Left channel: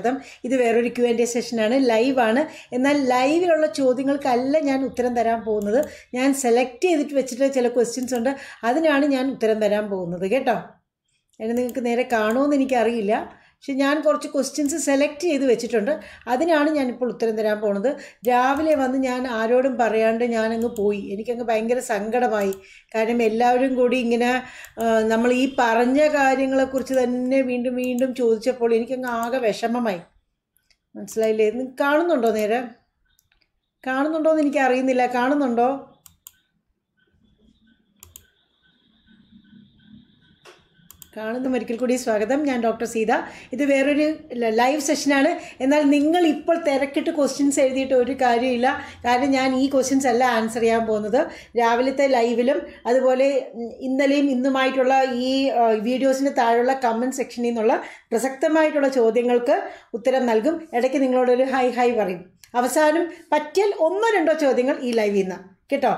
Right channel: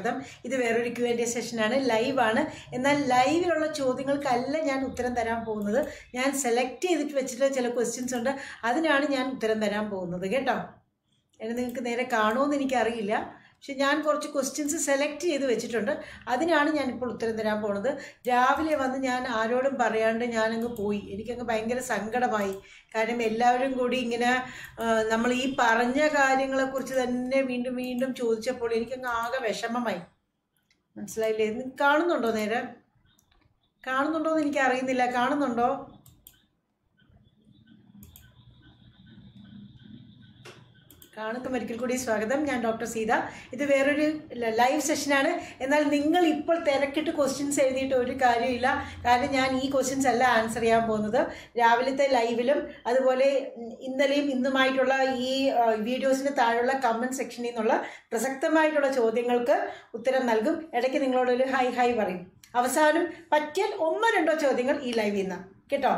സ്വാഗതം. ഇത് വേറൊരു ക്യു ആൻഡ് എ സെഷനാണ് ലൈവാണ് എന്നാൽ ലൈവിലുള്ള ചോദ്യങ്ങൾക്കല്ല ഞാൻ ഉത്തരം തരാൻ പോകുന്നത്. ഞാൻ സെലക്ട് ചെയ്തിട്ട് വെച്ചിട്ട് ചില ക്വസ്റ്റ്യൻസ് ഉണ്ട്. അതിനാണ് ഞാൻ ഉത്തരം തരാൻ പോകുന്നത്. കേട്ടോ? അതിന് നിങ്ങൾക്ക് നേരെ കാണുമെന്ന് എനിക്കറിയില്ല. പക്ഷെ ഞാൻ കുറച്ച് ക്വസ്റ്റ്യൻസ് സെലക്ട് ചെയ്ത് വെച്ചിട്ടുണ്ട്. അതിനാണ് ഞാനിപ്പോൾ ഉത്തരം തരാൻ പോണത്. രാവിലെ വന്ന് ഞാൻ ആരോടും പറയാണ്ട് ഞാനങ്ങ് പോയി. എനിക്കങ്ങ് ഭയങ്കര സങ്കടമായി. കാരണം എല്ലാവരും കൂടി ഇങ്ങനെ നമ്മൾ ഈ പറഞ്ഞ കാര്യങ്ങളെക്കുറിച്ച് തന്നെ വീണ്ടും വീണ്ടും ചോദിച്ചപ്പോൾ എനിക്കങ്ങ് ആകെ വിഷമമായി. മനസ്സിലായില്ലേ? കാണുന്നുണ്ടോ നേരെ? കാണുന്നുണ്ടോ എന്ന് എനിക്കറിയുന്നില്ല. കാണുന്നുണ്ടോ? കാണുന്ന ഒരിക്കൽ കൂടി സ്വാഗതം. ഞാൻ ഡോക്ടർ സീത. ഇത് വേറൊരു ലൈവ് സെഷനാണ് എന്നാൽ നിങ്ങൾ ഇപ്പോൾ തിരക്കിട്ട് ക്വസ്റ്റ്യൻസ് എഴുതിയിട്ട് ഒരു കാര്യമില്ല. കാരണം ഞാൻ ഈ ക്വസ്റ്റ്യൻസ് അല്ല ആൻസർ ചെയ്യാൻ പോകുന്നത്. രാവിലത്തെ ലൈവിലും അതുപോലെ ഇന്നലെയും ഇന്നുമായിട്ടുള്ള ഈ വീഡിയോസിന് താഴെയുള്ള കമന്റ് സെക്ഷനിൽ നിന്നുള്ള പ്രസക്തമായിട്ടുള്ള ചോദ്യങ്ങൾക്ക് ഉത്തരം നൽകും. ഇടയ്ക്ക് നിങ്ങളോടൊരു ഹൈ ഹൈ പറയും. അവസാനം പറ്റിയാൽ ഒന്നോ രണ്ടോ ചോദ്യങ്ങൾ ഈ ലൈവിൽ നിന്ന്. കേട്ടോ?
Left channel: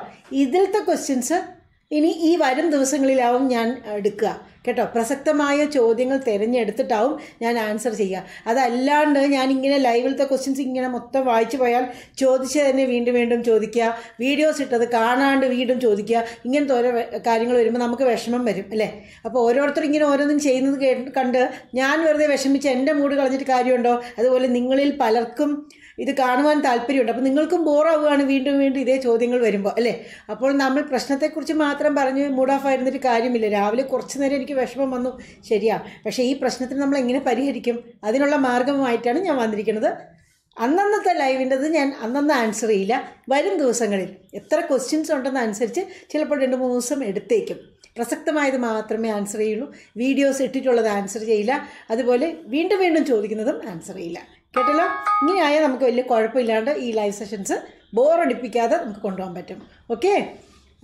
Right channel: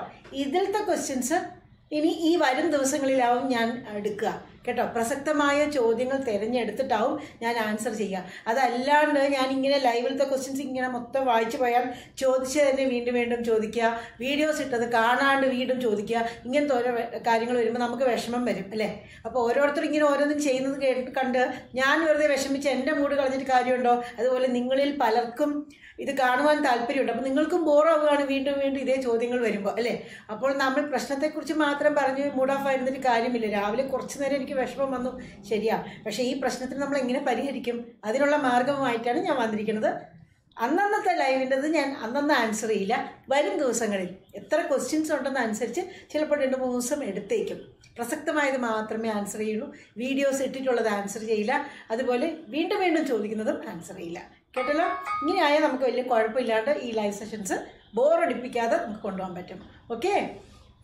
ഇതിലത്തെ ക്വസ്റ്റ്യൻസ് ഇനി ഈ വരും ദിവസങ്ങളിലാവും ഞാൻ എടുക്കുക. കേട്ടോ? പ്രസക്തമായ ചോദ്യങ്ങൾ തിരഞ്ഞെടുത്തിട്ടാവും ഞാൻ ആൻസർ ചെയ്യുക. അതല്ലാണ്ട് ഞാൻ ഇങ്ങനെ ലൈവിലത്തെ ക്വസ്റ്റ്യൻസ് ഇങ്ങനെ മൊത്തം വായിച്ചു പോയാൽ ചോദിച്ച് തന്നെ വീണ്ടും വീണ്ടും ചോദിക്കുക. വീഡിയോസ് ഇട്ടത് കാണാണ്ട് വീണ്ടും ചോദിക്കുക. ഇങ്ങനത്തെ ഓരോ കാര്യങ്ങൾ വരുമ്പോൾ നമുക്ക് വിഷമം വരും അല്ലേ? അപ്പോൾ ഓരോരുത്തരും ഇങ്ങനെ ഓരോന്നും ചെയ്യുന്നത് കണ്ട് ഞാൻ വെറുതെ വിഷമിച്ച് എന്റെ മൂഡ് കളഞ്ഞിട്ട് കാര്യമുണ്ടോ? അതുപോലെ നിങ്ങളിൽ പലർക്കും ഇത് കാണുവാൻ താല്പര്യമുണ്ട്. അപ്പോൾ നിങ്ങൾക്കും ബോറാവുകയാണ് വീണ്ടും വീണ്ടും ഇതേ ചോദ്യങ്ങൾ വരുമ്പോൾ അല്ലേ? അപ്പോൾ നമ്മൾ പ്രശ്നത്തെക്കുറിച്ച് മാത്രം പറഞ്ഞ് മൂഡ് ഓഫ് ആയിരുന്നിട്ട് കാര്യമില്ല. രാവിലെ കുറച്ച് നേരം എനിക്ക് വിഷമം വന്നു. ശരിയാ. പക്ഷേ ഈ പ്രശ്നത്തിന് നമ്മൾ എങ്ങനെ പരിഹരിക്കും? അതിനുള്ള മാർഗമായിട്ടാണ് ഞാൻ വന്നിരിക്കുന്നത്. അന്നന്നത്തെ ലൈവിന്റെത് ഞാൻ അന്നന്ന് ആൻസർ ചെയ്യില്ല. വരും ദിവസങ്ങളിൽ എത്ര ക്വസ്റ്റ്യൻസ് ഉണ്ടെന്ന് അനുസരിച്ച് ചിലപ്പോൾ രണ്ട് മൂന്ന് ദിവസം എടുത്തേക്കും. പ്രസക്തമായത് മാത്രമേ ആൻസർ ചെയ്യുള്ളൂ. വീഡിയോസ് ഇട്ടിട്ടുള്ളത് ആൻസർ ചെയ്യില്ല. അതുപോലെ വീണ്ടും വീണ്ടും ചോദിക്കുന്നതും ആൻസർ ചെയ്യില്ല. കേട്ടല്ലോ? ഇങ്ങനെയായാൽ നമുക്ക് വലിയ കുഴപ്പമില്ലാണ്ട് ഈ ലൈവ് സെഷൻസ് ബോറടിപ്പിക്കാതെ നമുക്ക് കൊണ്ടുപോകാൻ പറ്റും. ഓക്കെ?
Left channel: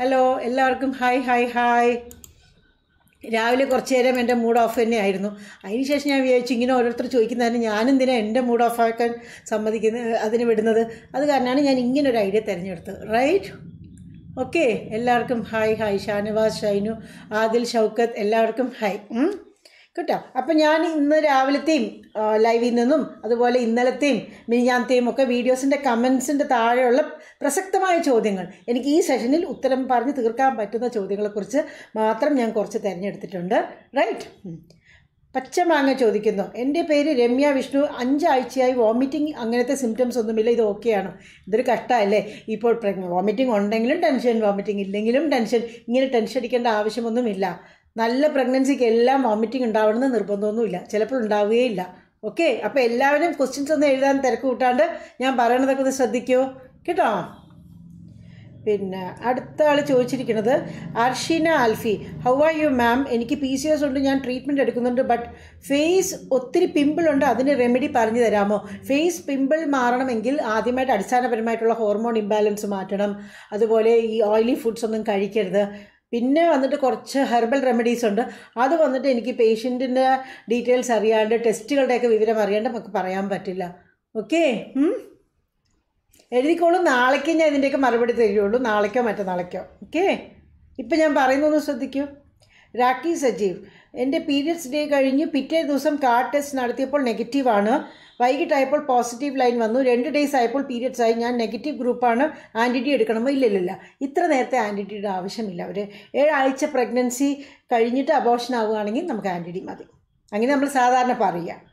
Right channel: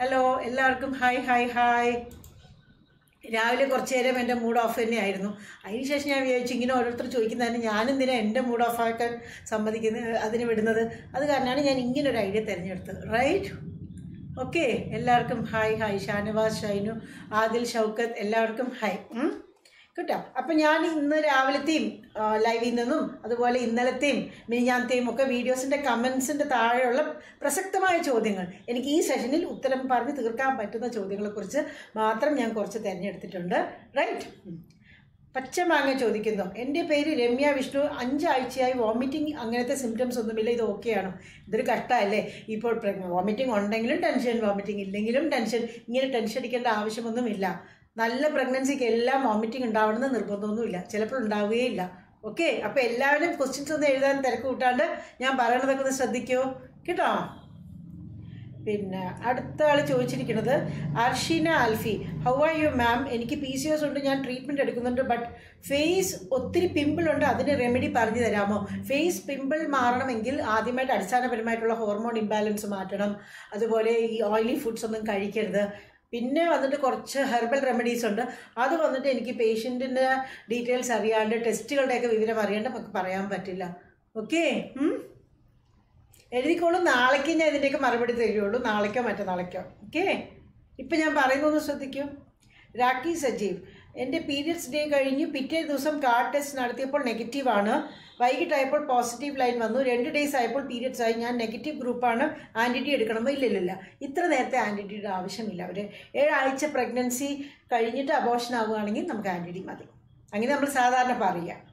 ഹലോ എല്ലാവർക്കും ഹായ് ഹായ് ഹായ്. രാവിലെ കുറച്ച് നേരം എന്റെ മൂഡ് ഓഫ് തന്നെയായിരുന്നു. അതിനുശേഷം ഞാൻ വിചാരിച്ചു ഇങ്ങനെ ഓരോരുത്തർ ചോദിക്കുന്നതിന് ഞാനെന്തിനാ എന്റെ മൂഡ് ഓഫ് ആക്കാൻ സമ്മതിക്കുന്നത് അതിന് വിടുന്നത്? അത് കാരണമാണ് ഞാൻ ഇങ്ങനെ ഒരു ഐഡിയ തിരഞ്ഞെടുത്തത്. Right okay? എല്ലാവർക്കും ഹായ് ഹായ്. ഷാനവാസ് ഷൈനു ആദിൽ ഷൗക്കത്ത് എല്ലാവർക്കും ഹായ്. കേട്ടോ? അപ്പം ഞാൻ ഇന്ന് രാവിലത്തെയും ലൈവിൽ നിന്നും അതുപോലെ ഇന്നലത്തെയും മിനിഞ്ഞാന്നത്തെയും ഒക്കെ വീഡിയോസിന്റെ കമൻസിന്റെ താഴെയുള്ള പ്രസക്തമായ ചോദ്യങ്ങൾ. എനിക്ക് ഈ സെഷനിൽ ഉത്തരം പറഞ്ഞ് തീർക്കാൻ പറ്റുന്ന ചോദ്യങ്ങളെക്കുറിച്ച് മാത്രം ഞാൻ കുറച്ച് തിരഞ്ഞെടുത്തിട്ടുണ്ട്. റൈറ്റ് പച്ചമാങ്ങ ചോദിക്കുന്നു. എന്റെ പേര് രമ്യ വിഷ്ണു. അഞ്ചാഴ്ചയായി വോമിറ്റിംഗ് അങ്ങനത്തെ സിംറ്റംസ് ഒന്നുമില്ല. ഇത് ഓക്കെയാണോ ഇതൊരു കഷ്ടമല്ലേ? ഇപ്പോൾ വോമിറ്റിംഗ് ഉണ്ടെങ്കിലും ടെൻഷൻ വോമിറ്റിംഗ് ഇല്ലെങ്കിലും ടെൻഷൻ ഇങ്ങനെ ടെൻഷൻ അടിക്കേണ്ട ആവശ്യമൊന്നുമില്ല. നല്ല പ്രഗ്നൻസിക്ക് എല്ലാം വോമിറ്റിംഗ് ഉണ്ടാവണമെന്ന് നിർബന്ധമൊന്നുമില്ല. ചിലപ്പോൾ ഉണ്ടാവുകയില്ല. ഓക്കെ അപ്പോൾ എല്ലാവരും ക്വസ്റ്റ്യൻസ് ഒന്നും എഴുതാൻ തിരക്ക് കൂട്ടാണ്ട് ഞാൻ പറയണതൊക്കെ ഒന്ന് ശ്രദ്ധിക്കുമോ കേട്ടോ? പിന്നെ അടുത്ത ആൾ ചോദിച്ചിരിക്കുന്നത് Arshina Alfi how are you ma'am എനിക്ക് പി സി എസ് ഉണ്ട് ഞാൻ ട്രീറ്റ്മെന്റ് എടുക്കുന്നുണ്ട് ബട്ട് ഫേസ് ഒത്തിരി പിമ്പിൾ ഉണ്ട് അതിന് റെമഡി പറഞ്ഞു തരാമോ? ഫേസ് പിമ്പിൾ മാറണമെങ്കിൽ ആദ്യമായിട്ട് അടിസ്ഥാനപരമായിട്ടുള്ള ഹോർമോൺ ഇംബാലൻസ് മാറ്റണം. അതുപോലെ ഈ ഓയിലി ഫുഡ്സ് ഒന്നും കഴിക്കരുത്. പിന്നെ വന്നിട്ട് കുറച്ച് ഹെർബൽ റെമഡീസ് ഉണ്ട്. അത് വന്നിട്ട് എനിക്ക് പേഷ്യന്റിന്റെ ഡീറ്റെയിൽസ് അറിയാണ്ട് ടെസ്റ്റുകളുടെയൊക്കെ വിവരം അറിയാണ്ട് നമുക്ക് പറയാൻ പറ്റില്ല. ഓക്കെ എഴുതിക്കോളൂ. നാളേക്ക് ഞാൻ ഇതിന്റെയൊക്കെ മറുപടി തരികയുള്ളൂ നാളേക്കോ മറ്റന്നാളേക്കോ ഓക്കെ ഇപ്പം ഞാൻ പറയുന്നൊന്ന് ശ്രദ്ധിക്കൂ. രാഖി സജീവ് എന്റെ പീരിയഡ്സ് ഡേ കഴിഞ്ഞ് പിറ്റേ ദിവസം കാർഡ് ടെസ്റ്റ് നടത്തിയപ്പോൾ നെഗറ്റീവാണ് വൈകിട്ടായപ്പോൾ പോസിറ്റീവ് ലൈൻ വന്നു. രണ്ട് ഡേയ്സ് ആയപ്പോൾ പീരിയഡ്സ് ആയി. ഞാൻ നെഗറ്റീവ് ഗ്രൂപ്പാണ് ആന്റിറ്റി എടുക്കണമോ? ഇല്ലല്ലില്ല ഇത്ര നേരത്തെ ആന്റിറ്റിയുടെ ആവശ്യമില്ല. ഒരു ഏഴാഴ്ച പ്രഗ്നൻസി കഴിഞ്ഞിട്ട് അബോർഷൻ ആവുകയാണെങ്കിൽ നമുക്ക് ആന്റിറ്റി മതി. അങ്ങനെ നമ്മൾ സാധാരണ പറയുക.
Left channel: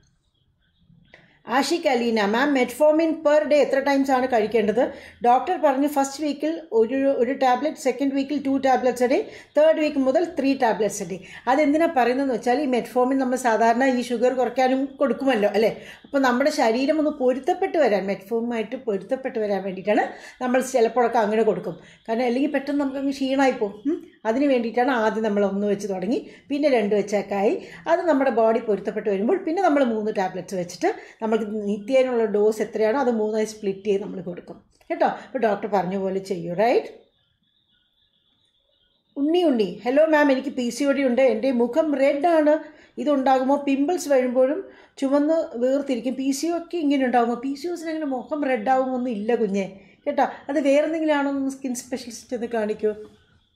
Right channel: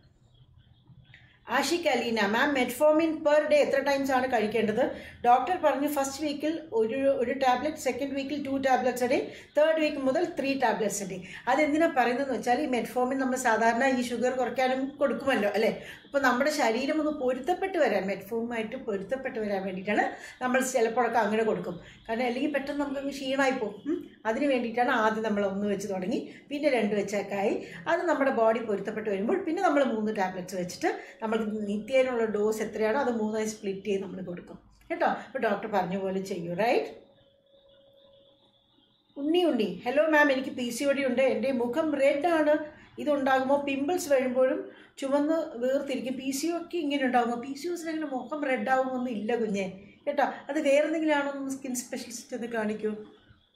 Ashiq Aleena. Ma'am metformin per day എത്ര ടൈംസ് ആണ് കഴിക്കേണ്ടത്? ഡോക്ടർ പറഞ്ഞു ഫസ്റ്റ് വീക്കിൽ ഒരു ഒരു ടാബ്ലറ്റ് സെക്കൻഡ് വീക്കിൽ two tablets day third week മുതൽ ത്രീ ടാബ്ലറ്റ്സ് ഡേ അതെന്തിനാ പറയുന്നതെന്ന് വെച്ചാൽ ഈ മെറ്റ്ഫോമിൻ നമ്മൾ സാധാരണ ഈ ഷുഗർ കുറയ്ക്കാനും കൊടുക്കുമല്ലോ അല്ലേ? അപ്പോൾ നമ്മുടെ ശരീരം ഒന്ന് പൊരുത്തപ്പെട്ട് വരാൻ മെറ്റ്ഫോമുമായിട്ട് പൊരുത്തപ്പെട്ട് വരാൻ വേണ്ടിയിട്ടാണ് നമ്മൾ ചിലപ്പോഴൊക്കെ അങ്ങനെ കൊടുക്കും. കാരണം അല്ലെങ്കിൽ പെട്ടെന്ന് നമുക്ക് ക്ഷീണമായി പോകും. അതിന് വേണ്ടിയിട്ടാണ് ആദ്യം നമ്മൾ ഒന്ന് വെച്ച് തുടങ്ങി പിന്നെ രണ്ട് വെച്ചൊക്കെ ആയി അത് നമ്മുടെ ബോഡി പൊരുത്തപ്പെട്ട് വരുമ്പോൾ പിന്നെ നമ്മൾ മൂന്ന് ടാബ്ലറ്റ്സ് വെച്ചിട്ട് നമുക്ക് നിത്യേനുള്ള ഡോസ് എത്രയാണോ അത് മൂന്നായി സ്പ്ലിറ്റ് ചെയ്ത് നമ്മൾ കൊടുക്കും. കേട്ടോ? അപ്പോൾ ഡോക്ടർ പറഞ്ഞ പോലെ ചെയ്യൂ റൈറ്റ് ഉണ്ണി ഉണ്ണി. ഹലോ മാം എനിക്ക് പി സി ഒടി ഉണ്ട്. എന്റെ മുഖം റെഡ് ആണ്. ഇതുണ്ടാകുമ്പോൾ പിമ്പിൾസ് വരുമ്പോഴും ചുമന്ന് വീർത്തിരിക്കും. പി സി ഒക്കെ ഇങ്ങനെ ഉണ്ടാകുമ്പോൾ പി സി ഒസിന് അങ്ങനെ മുഖം റെഡ് ആകുമൊന്നും ഇല്ല കുഞ്ഞേ. കേട്ടോ? അത് വേറെ എന്തെങ്കിലും ആണോ സ്കിൻ സ്പെഷ്യലിസ്റ്റ് ഒന്ന്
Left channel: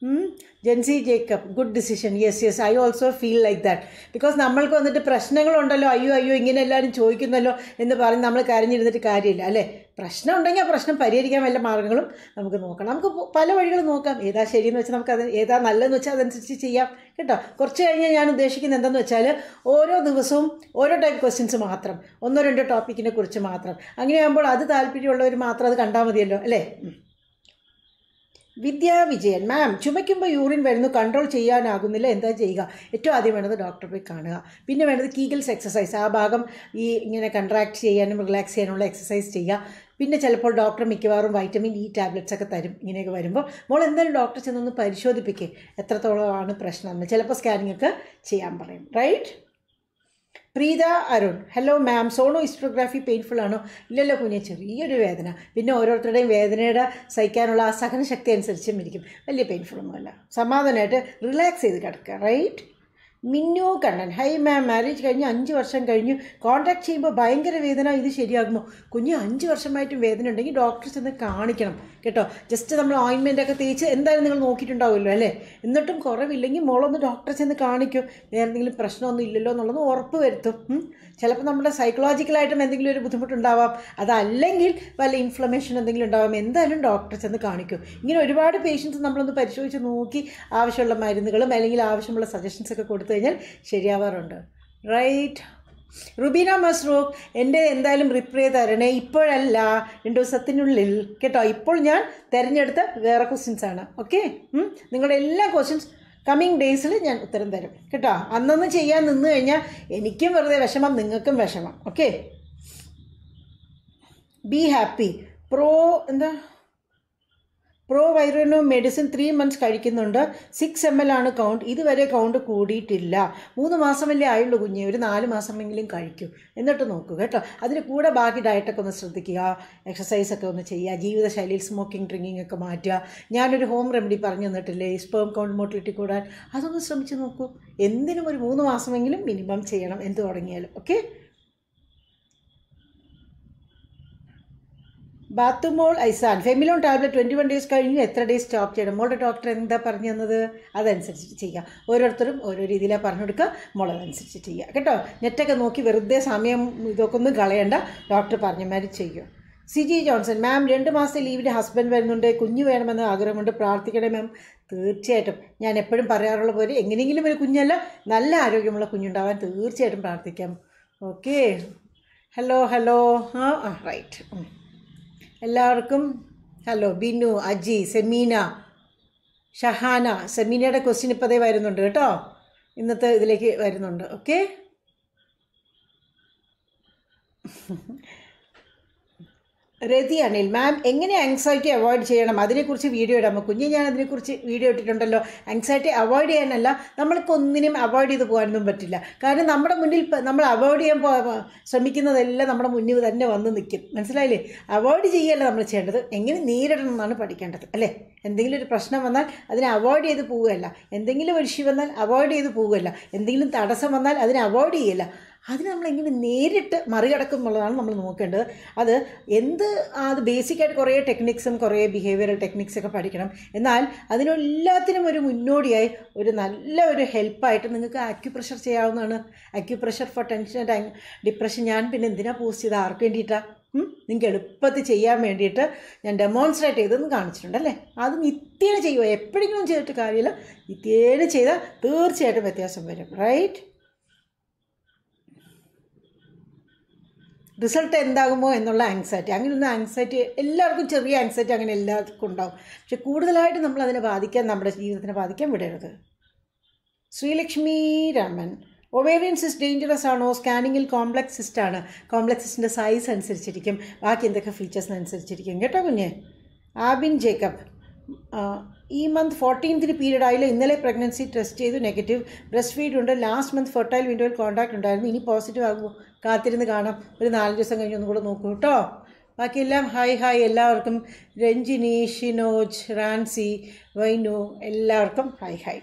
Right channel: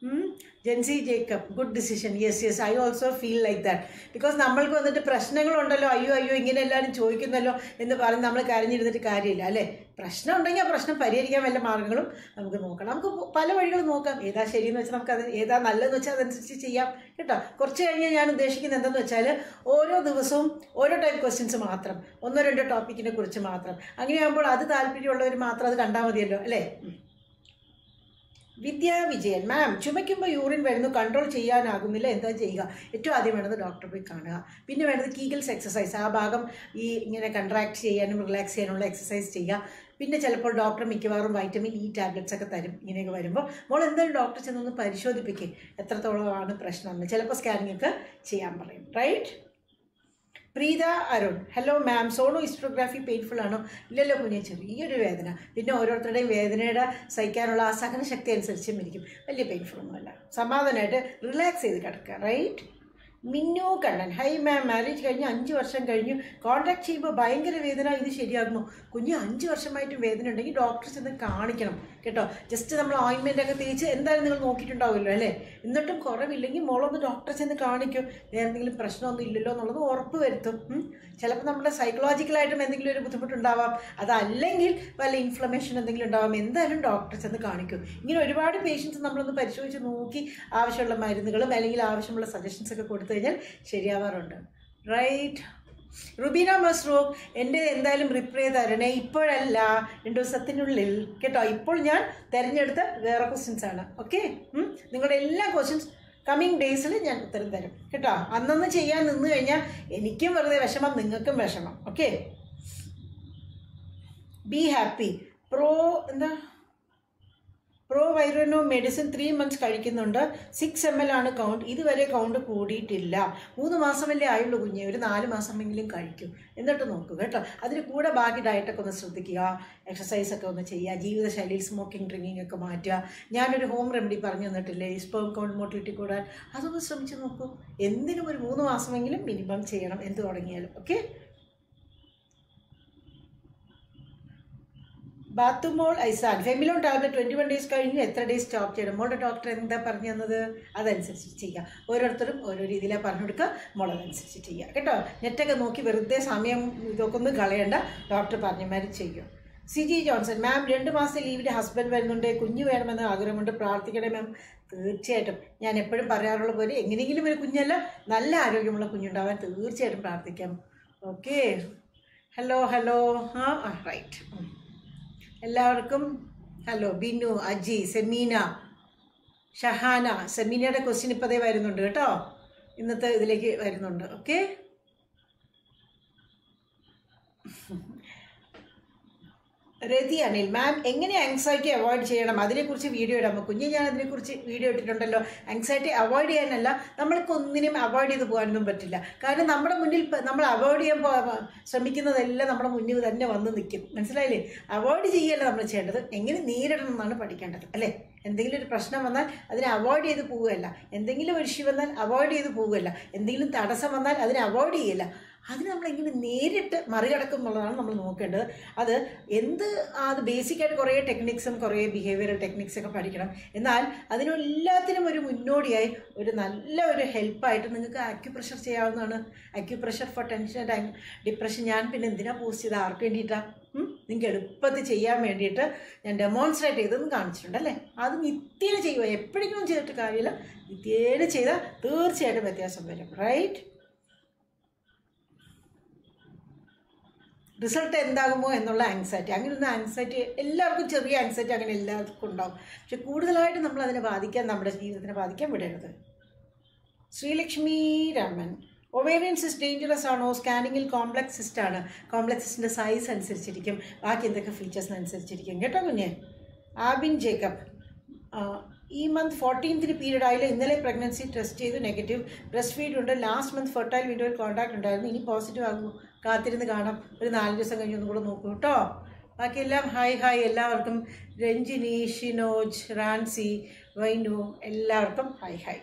കാണിക്കൂ Jency Jacob good decision yes yes I also feel like that because നമ്മൾക്ക് വന്നിട്ട് പ്രശ്നങ്ങളുണ്ടല്ലോ. അയ്യോ അയ്യോ ഇങ്ങനെ എല്ലാവരും ചോദിക്കുന്നല്ലോ എന്ന് പറഞ്ഞ് നമ്മൾ കരഞ്ഞിരുന്നിട്ട് കാര്യമില്ല അല്ലേ? പ്രശ്നം ഉണ്ടെങ്കിൽ ആ പ്രശ്നം പരിഹരിക്കാൻ വല്ല മാർഗങ്ങളും നമുക്ക് നോക്കണം നമുക്ക് പല വഴികളും നോക്കാം. ഏതാ ശരിയെന്ന് വെച്ചാൽ നമുക്ക് അത് ഏതാ നല്ലതെന്ന് വെച്ചാൽ അതനുസരിച്ച് ചെയ്യാം കേട്ടോ? കുറച്ച് കഴിഞ്ഞാൽ ഞാൻ ഉദ്ദേശിക്കുന്നത് എന്തെന്ന് വെച്ചാൽ ഓരോ ദിവസവും ഓരോ ടൈം ക്വസ്റ്റ്യൻസ് മാത്രം ഒന്നോ രണ്ടോ ടോപ്പിക്കിനെ കുറിച്ച് മാത്രം. അങ്ങനെയാകുമ്പോൾ അത് താല്പര്യമുള്ളവർ മാത്രം അത് കണ്ടാൽ മതിയല്ലോ അല്ലേ. വിദ്യാ വിജയൻ. മാം ചുമയ്ക്കുമ്പോൾ യൂറിൻ വരുന്നു കൺട്രോൾ ചെയ്യാനാകുന്നില്ല. എന്താ ചെയ്യുക? ഏറ്റവും ആദ്യം വേണ്ടത് ഡോക്ടറെ പോയി കാണുക. പിന്നെ വേണ്ടത് കീഗിൾസ് എക്സസൈസ് ആ ഭാഗം ഈ ഇങ്ങനെ കൺട്രാക്ട് ചെയ്യാനും റിലാക്സ് ചെയ്യാനുള്ള എക്സസൈസ് ചെയ്യുക. പിന്നെ ചിലപ്പോൾ ഡോക്ടർ മിക്കവാറും വൈറ്റമിൻ ഇ ടാബ്ലറ്റ്സ് ഒക്കെ തരും. ഇങ്ങനെയൊക്കെ വരുമ്പോൾ മോൾ എന്തായാലും ഡോക്ടർ ചെന്നൊന്ന് പരിശോധിപ്പിക്കുക എത്രത്തോളമാണ് പ്രശ്നം എന്ന്. ചിലപ്പോൾ സ്കാനിങ് ഒക്കെ ചെയ്യാൻ പറയും. Right Preetha Arun. Hello ma'am sono hysterography painful ആണോ? ഇല്ലല്ലോ കുഞ്ഞ് ചെറിയൊരു വേദന. പിന്നെ ഓരോരുത്തരുടെയും വേദനയുടെ സഹിക്കാനുള്ള ആ സഹനശക്തി അനുസരിച്ചും ഇരിക്കും. വലിയ പെയിൻഫുൾ ഒന്നുമല്ല. സമാധാനമായിട്ട് റിലാക്സ് ചെയ്ത് കിടക്കുക right Minnu Kannan. Hi ma'am marriage കഴിഞ്ഞ് അഞ്ച് വർഷം കഴിഞ്ഞു കോൺടാക്ട് ചെയ്യുമ്പോൾ ഭയങ്കര വേദന ഇത് ശരിയാകുമോ? കുഞ്ഞ് അഞ്ച് വർഷമായിട്ടും വേദന ഉണ്ടെങ്കിൽ ഡോക്ടറെ ചെന്ന് കാണിക്കണം കേട്ടോ? ജസ്റ്റ് നമ്മൾ ഓയിൻമെന്റ് ഒക്കെ തേച്ച് എന്തായാലും നിങ്ങൾ നോക്കിയിട്ടുണ്ടാവുമല്ലോ അല്ലേ? എന്നിട്ടും കുറവില്ലെങ്കിൽ മോളൊന്ന് ഡോക്ടറെ ചെന്ന് കാണിക്കും. വേറെ എന്തെങ്കിലും പ്രശ്നമൊന്നും ഇല്ലല്ലോ എന്നുള്ളത് ഉറപ്പ് വരുത്തും. ചിലപ്പോൾ നമ്മുടെ സൈക്കോളജിക്കലായിട്ടും എന്തെങ്കിലും ഒരു ബുദ്ധിമുട്ടുണ്ടാവാം. അതല്ലെങ്കിൽ വല്ല ഇൻഫ്ലമേഷൻ എന്തെങ്കിലും ഉണ്ടാവാം. എന്തായാലും ഡോക്ടർ ചെന്ന് കാണിക്കും. ഇങ്ങനെ ഒരുപാട് പേഷ്യൻസ് നമ്മളൊന്ന് പരിശോധിച്ച് നോക്കി ആവശ്യമുള്ള മരുന്നുകളും അല്ലെങ്കിൽ ആവശ്യമുള്ള സജഷൻസ് ഒക്കെ കൊടുത്തു കഴിഞ്ഞാൽ ശരിയാവാറുണ്ട്. റൈറ്റ് റുബീന മസ്റൂഖ് എന്റെ എന്തായാലും റിപ്ലൈ തരണേ. ഇപ്പോഴല്ല രണ്ടു ദിവസത്തിനുള്ളിൽ. കേട്ടോ ഇപ്പോൾ ഞാൻ തിരഞ്ഞെടുത്ത വേറെ ക്വസ്റ്റ്യൻസ് ആണ്. ഓക്കെ നിങ്ങളുടെ എല്ലാ ക്വസ്റ്റ്യൻസ് കമ്മിങ് ഡേയ്സിൽ ഞാൻ ഉത്തരം തരും. കേട്ടോ? അന്നൊന്ന് ചെയ്യാൻ നിന്ന് കഴിഞ്ഞാൽ എനിക്കും വെറുതെ വിഷമം നിങ്ങൾക്കും വിഷമം. ഓക്കെ ബി ഹാപ്പി പ്രോ എന്താ? പ്രോ വൈറിനോ മെഡിസിൻ ത്രീ മന്ത്സ് കഴിക്കുന്നുണ്ട്. സിക്സ് എം എൽ ആണ് കൗണ്ട് ഇതുവരെ കൗണ്ട് കൂടിയിട്ടില്ല. മൂന്ന് മാസമല്ലേ ആയുള്ളൂ കുഞ്ഞെ. ഒരു നാല് മാസമെങ്കിലും കഴിക്കും. എന്നിട്ട് നോക്കൂ കേട്ടോ. അതിന് കൂടെ ബാക്കി ഡയറ്റൊക്കെ ഒന്ന് ശ്രദ്ധിക്കുക. എക്സസൈസ് ഒക്കെ ഒന്ന് ചെയ്യുക. ജീവിതശൈലിയിൽ സ്മോക്കിംഗ് ഡ്രിങ്കിങ് ഒക്കെ മാറ്റുക. ഞാനൊരു ഹോം റെമഡി പറഞ്ഞു തന്നിട്ടില്ലേ? സ്പേം കൗണ്ട് മോട്ടിലിറ്റി കൂടാൻ. അതൊന്ന് ശ്രമിച്ച് നോക്കൂ. എന്തിനും ഒരു മൂന്ന് മാസമെങ്കിലും മിനിമം ചെയ്യണം. എന്ത് തുടങ്ങിയാലും. ഓക്കെ ബാത്തുമോൾ ഐസാൻ Femilon tablet twenty one days കഴിഞ്ഞ് എത്ര ഡേയ്സ് സ്റ്റോപ്പ് ചെയ്യണം? മോളുടെ ഡോക്ടർ എന്താ പറഞ്ഞു തന്നത്? അതനുസരിച്ച് ചെയ്യുക ഓരോരുത്തരും ഓരോ രീതിയിലാണ് പറഞ്ഞു കൊടുക്കുക. മോൾ അതനുസരിച്ച് ചെയ്യുക കേട്ടോ? നെറ്റൊക്കെ നോക്കി വെറുതെ സമയം ഇതൊക്കെ ഒന്നും കളയണ്ട ഡോക്ടർ പറഞ്ഞമാതിരി ചെയ്യും. സി ജി ജോൺസൺ മാം രണ്ട് മാസത്തെ ലീവിന്റെ ഹസ്ബൻഡ് വരുന്നുണ്ട്. കുഞ്ഞ് വേണമെന്ന് ആഗ്രഹമുണ്ട് പ്രാർത്ഥിക്കണേ മാം തീർച്ചയായിട്ടും. ഞാൻ എപ്പോഴും പറയാറുള്ള പോലെ എങ്ങനെയെങ്കിലും ഒരു കുഞ്ഞല്ല. നല്ല ആരോഗ്യമുള്ള കുഞ്ഞുണ്ടാവാൻ തീർച്ചയായിട്ടും പ്രാർത്ഥിക്കാം. ഓക്കെ ഹലോ ഹലോ ആ റൈറ്റ് എല്ലാവർക്കും ഹലോ ബിനു അജി സെമീന ഷഹാന സെമീനയുടെ ക്വസ്റ്റ്യൻ ഇപ്പതേ വരുന്നുണ്ട് കേട്ടോ. ഇന്നത്തെ ഇതിലേക്ക് വരുന്നുണ്ട്. ഓക്കെ രതി അനിൽ മാം എങ്ങനെ ആങ്സൈറ്റി അവോയ്ഡ് ചെയ്യണം? അതിനെക്കുറിച്ച് വീഡിയോ ഇടാം. കുഞ്ഞ് ഞാൻ അതിനെക്കുറിച്ച് വീഡിയോ ഇട്ടിട്ടുണ്ടല്ലോ. ആങ്സൈറ്റി അവോയ്ഡ് ചെയ്യാനല്ല നമ്മൾക്കൊന്നിനും അവോയ്ഡ് ചെയ്ത് പോകാനൊന്നും പറ്റില്ല. കാരണം നമ്മുടെ മുന്നിൽ നമ്മൾ അവോയ്ഡ് ചെയ്യാൻ ശ്രമിക്കുന്നതെല്ലാം നമ്മുടെ മുന്നിൽ തന്നെ വന്ന് നിൽക്കും. മനസ്സിലായില്ലേ? അവോയ്ഡ് ചെയ്യല്ല നമ്മൾ ചെയ്യേണ്ടത്? എങ്ങനെ നേരിടണം എന്നാണ് പഠിക്കേണ്ടത് അല്ലേ? എന്തെങ്കിലും ഒരു പ്രശ്നം വന്നാൽ അതിനെ അവോയ്ഡ് ചെയ്ത് പോവുകയല്ല. എന്തെങ്കിലും ഒരു ഇഷ്യൂ വന്നാൽ അവോയ്ഡ് ചെയ്ത് പോവുകയല്ല. എന്തെങ്കിലും തടസ്സം വന്നാൽ അതിനെ അവോയ്ഡ് ചെയ്യല്ല. അതിന് നമ്മൾ എങ്ങനെ നേരിട്ട് മറികടക്കും എന്നുള്ളതാണ് നമ്മൾ നോക്കേണ്ടത്. അത് എന്ത് അത് ബേസിക്കായിട്ട് കുറേ ടെക്നിക്സും കുറേ ബിഹേവിയറൽ ടെക്നിക്സൊക്കെ പഠിക്കണം. എന്നാൽ അതിനെല്ലാത്തിനും ഒരു മുന്നോടിയായി ഒരു നല്ല ഒരു ഹെൽപ്പായിട്ട് നിങ്ങൾക്ക് അക്യുപ്രഷർ ചെയ്യാവുന്നതാണ്. Acupressure for tension and depression ഞാൻ പിന്നെ എന്തിനാ പോസ്റ്റ് ചെയ്ത്? ആർക്ക് വേണ്ടിയിട്ടാണ് നിങ്ങൾക്ക് എളുപ്പത്തിൽ ചെയ്യാൻ വേണ്ടിയിട്ട് ഞാൻ ഡെമോൺസ്ട്രേറ്റ് ചെയ്തെന്ന് കാണിച്ചിട്ടുണ്ട് അല്ലേ? അത് നിത്യേന ചെയ്യുക. എപ്പോഴെങ്കിലും ചെയ്തിട്ട് കാര്യമില്ല. നിത്യേന ചെയ്താൽ തീർച്ചയായിട്ടും വ്യത്യാസം വരും. റൈറ്റ് റിസൾട്ട് എന്താകുമോ എന്നുള്ള ആങ്സൈറ്റി അങ്ങനെയുള്ള ആങ്സൈറ്റി എല്ലാവർക്കും ചെറിയ ആങ്സൈറ്റി അങ്ങനെ എല്ലാവർക്കും ഉണ്ടാകും. പക്ഷെ കൂടുതലായിട്ട് നമ്മൾ അതിനെ ബാധിക്കാൻ നമ്മുടെ ജീവിതത്തിനെ ബാധിക്കാൻ വിടരുത്. Sreelakshmi Raman ovarian cyst dangerous ആണോ? സ്കാനിങ്ങിൽ കോംപ്ലക്സ് സിസ്റ്റ് ആണ്. കോംപ്ലക്സ് സിസ്റ്റിന്റെ സൈസ് അനുസരിച്ചിരിക്കും. ബാക്കി എന്തൊക്കെ ഫീച്ചേഴ്സിന് അനുസരിച്ചിരിക്കും. കേട്ടോ കുഞ്ഞ്? ആബിൻ ജേക്കബ് ഈ മന്ത് ഫോർട്ടീൻത്തിന് പീരീഡ് ആയില്ല. ഇന്നലെ പ്രഗ്നൻസി ടെസ്റ്റ് ചെയ്തു. നെഗറ്റീവ് ബ്രസ്റ്റ് ഫീഡ് ഉണ്ട് ലാസ്റ്റ് മന്ത് ഫെർട്ടൈൽ വിൻഡോയിൽ കോൺടാക്ട് ഉണ്ടായിരുന്നു. ഇനി പോസിറ്റീവ് ആകുമോ? കാത്തിരുന്ന് കാണാം. ഒരു നാല് ദിവസം കഴിഞ്ഞ് ഒന്നും കൂടെ നോക്കൂ കേട്ടോ. ബാക്കിയെല്ലാം ഹായ് ഹായ് എല്ലാവർക്കും. രഞ്ജിനി ഷിനോജ് റാൻസി വൈനു എല്ലാവർക്കും hi hi.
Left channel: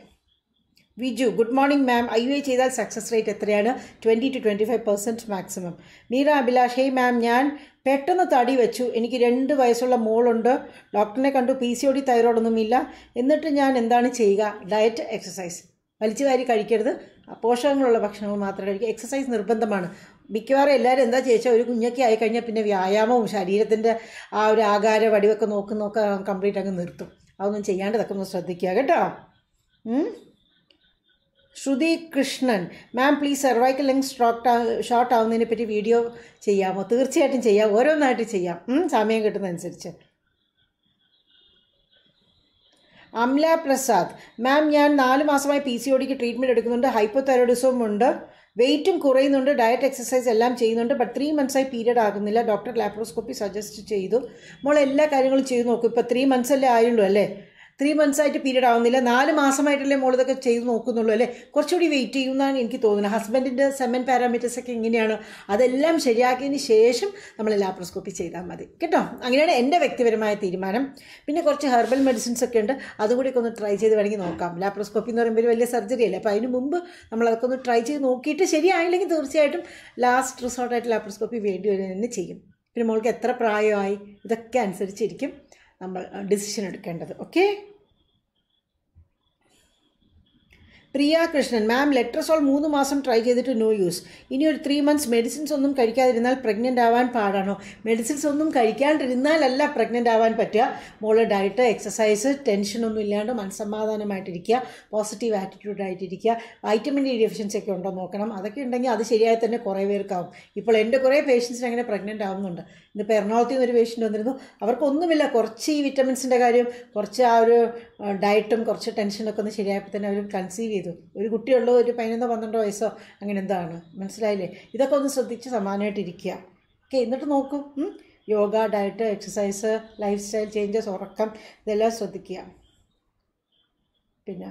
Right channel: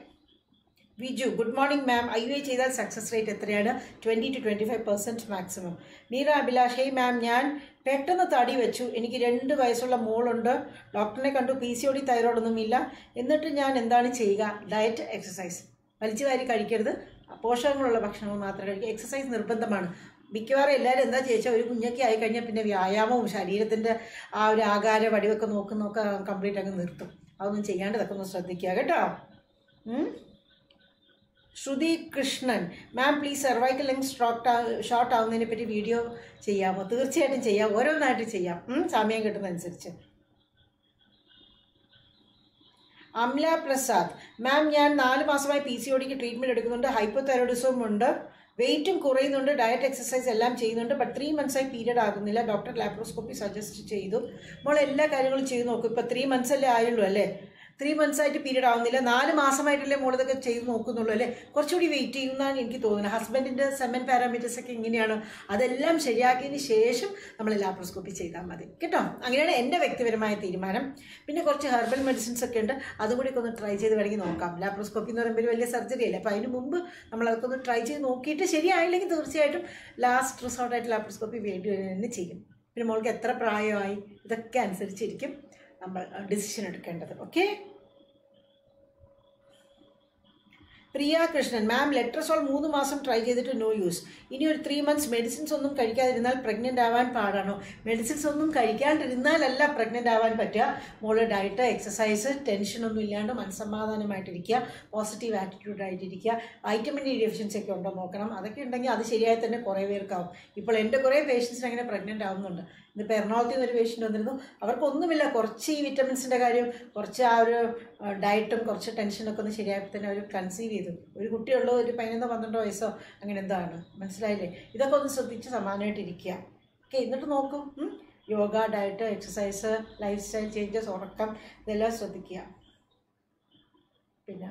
Viju good morning ma'am. I U I ചെയ്താൽ സക്സസ് റേറ്റ് എത്രയാണ്? Twenty two twenty five percent maximum Meera Abhilash hey ma'am ഞാൻ പെട്ടെന്ന് തടി വെച്ചു. എനിക്ക് രണ്ട് വയസ്സുള്ള മോളുണ്ട്. ഡോക്ടറിനെ കണ്ടു. പി സി ഒ ഡി തൈറോയിഡൊന്നുമില്ല. എന്നിട്ട് ഞാൻ എന്താണ് ചെയ്യുക? ഡയറ്റ് എക്സസൈസ് വലിച്ചു വാരി കഴിക്കരുത്. പോഷകങ്ങളുള്ള ഭക്ഷണങ്ങൾ മാത്രമേ കഴിക്കുക എക്സസൈസ് നിർബന്ധമാണ്. മിക്കവാറും എല്ലാവരും എന്താ ചേച്ചാ ഒരു കുഞ്ഞൊക്കെ ആയിക്കഴിഞ്ഞാൽ പിന്നെ വ്യായാമവും ശരീരത്തിന്റെ ആ ഒരു ആകാര വടിവൊക്കെ നോക്കുന്നൊക്കെ കംപ്ലീറ്റ് അങ്ങ് നിർത്തും. അതൊന്നും ചെയ്യാണ്ട് ഇതൊക്കെ ഒന്ന് ശ്രദ്ധിക്കുക കേട്ടോ? Shruthi Krishnan ma'am please cervical length short short ആവുന്നതിനെ പറ്റി വീഡിയോ ചെയ്യാമോ? തീർച്ചയായിട്ടും ചെയ്യാം. ഓരോന്നായിട്ട് ചെയ്യാം. സമയം കിട്ടുന്നതനുസരിച്ച്. അംല പ്രസാദ് മാം ഞാൻ നാല് മാസമായി പി സി ഒടിക്ക് ട്രീറ്റ്മെന്റ് എടുക്കുന്നുണ്ട്. ഹൈപ്പോതൈറോയിഡിസവും ഉണ്ട്. വെയിറ്റും കുറയുന്നുണ്ട് ഡയറ്റ് എക്സസൈസ് എല്ലാം ചെയ്യുന്നുണ്ട് ബട്ട് ത്രീ മന്ത്സായി പീരീഡ് ആകുന്നില്ല. ഡോക്ടർ ലാപ്രോസ്കോപ്പി സജസ്റ്റ് ചെയ്തു. മോൾ എല്ലാ കാര്യങ്ങളും ചെയ്തു നോക്കും. ഇപ്പോൾ ത്രീ മന്ത്സ് അല്ലേ ആയുള്ളൂ അല്ലേ? ത്രീ മന്ത്സ് ആയിട്ട് പീരീഡ് ആവുന്നില്ല. നാല് മാസമായിട്ടല്ലേ മോൾ ഇതൊക്കെ ചെയ്ത് നോക്കുന്നുള്ളൂ അല്ലേ? കുറച്ചുകൂടി വെയിറ്റ് ചെയ്യുമെന്നാണ് എനിക്ക് തോന്നുന്നത്. ഹസ്ബൻഡിന്റെ സെമൻ പാരാമീറ്റേഴ്സ് ഒക്കെ എങ്ങനെയാണ്? അതെല്ലാം ശരിയാക്കിയതിന് ശേഷം നമ്മൾ ലാപ്രോസ്കോപ്പി ചെയ്താൽ മതി. കേട്ടോ? അങ്ങനെയാണ് എന്റെ വ്യക്തിപരമായ തീരുമാനം. പിന്നെ കുറച്ച് ഹെർബൽ മെഡിസിൻസ് ഒക്കെ ഉണ്ട്. അതുകൂടി ഒക്കെ ഒന്ന് ട്രൈ ചെയ്ത് വേണമെങ്കിൽ നോക്കാം. ലാപ്രോസ്കോപ്പി എന്ന് പറയുമ്പോൾ വലിയ സർജറി അല്ലേ? അപ്പോൾ അതിന് മുമ്പ് നമ്മൾ അതൊക്കെ ഒന്ന് ട്രൈ ചെയ്ത് നോക്കിയിട്ട് ശരിയായില്ലെങ്കിൽ തീർച്ചയായിട്ടും ലാസ്റ്റ് റിസോർട്ടായിട്ട് ലാപ്രോസ്കോപ്പി വേണ്ടി വരും തന്നെ ചെയ്യും പിന്നെ മോൾക്ക് എത്ര പ്രായമായി? ഇതൊക്കെ അനുസരിച്ചിരിക്കും. നമ്മൾ ഡിസിഷൻ എടുക്കേണ്ടത്. ഓക്കെ പ്രിയ കൃഷ്ണൻ മാം ലെട്രസോൾ മൂന്ന് മാസം ട്രൈ ചെയ്തിട്ട് നോ യൂസ് ഇനി ഒരു ത്രീ മന്ത്സ് മെഡിസിൻസ് ഒന്നും കഴിക്കാതിരുന്നാൽ പ്രഗ്നന്റ് ആവാൻ പാടാണോ? മെഡിസിൻസ് ഒന്നും കഴിക്കാണ്ടിരുന്നാലല്ല പ്രഗ്നന്റ് ആവാൻ പറ്റുക. മോൾ ഡയറ്റ് എക്സസൈസ് ടെൻഷനൊന്നും ഇല്ലാണ്ട് മനസ്സമാധാനമായിട്ടിരിക്കുക പോസിറ്റീവ് ആറ്റിറ്റ്യൂഡ് ആയിട്ടിരിക്കുക വൈറ്റമിൻ ഡി ഡെഫിഷ്യൻസി ഒക്കെ ഉണ്ടോ നോക്കണം. അതൊക്കെ ഉണ്ടെങ്കിൽ അത് ശരിയായി തന്നെ കുറേ പേർക്കാവും. ഇപ്പോൾ എന്റെ കുറേ പേഷ്യൻസിന് അങ്ങനെ പ്രഗ്നന്റ് ആവുന്നുണ്ട്. ഇന്നിപ്പോൾ എറണാകുളത്ത് ഒരു പേഷ്യന്റ് വന്നിരുന്നു. അവർക്കൊന്നുമില്ല. കുറച്ച് ഈ വിറ്റമിൻസിന്റെ കാര്യം കുറച്ച് ആ ഒരു ഡയറ്റും കുറച്ച് ടെൻഷനൊക്കെ ഒന്ന് ശരിയായപ്പോൾ തന്നെ അവർ കൺസീവ് ചെയ്തു. ഒരു കുട്ടിയുള്ളൂ ഒരു പതിനൊന്നോ പന്ത്രണ്ടോ വയസ്സോ അങ്ങനെ എന്താണ്? മനസ്സിലായില്ലേ? ഇതൊക്കെ ഒന്ന് ശ്രദ്ധിച്ച് സമാനമായിട്ടിരിക്കുക. ഓക്കെ എന്നിട്ട് നോക്കും. Yoga diet exercise lifestyle changes ഉറക്കം ഇതെല്ലാം ശ്രദ്ധിക്കുക. പിന്നെ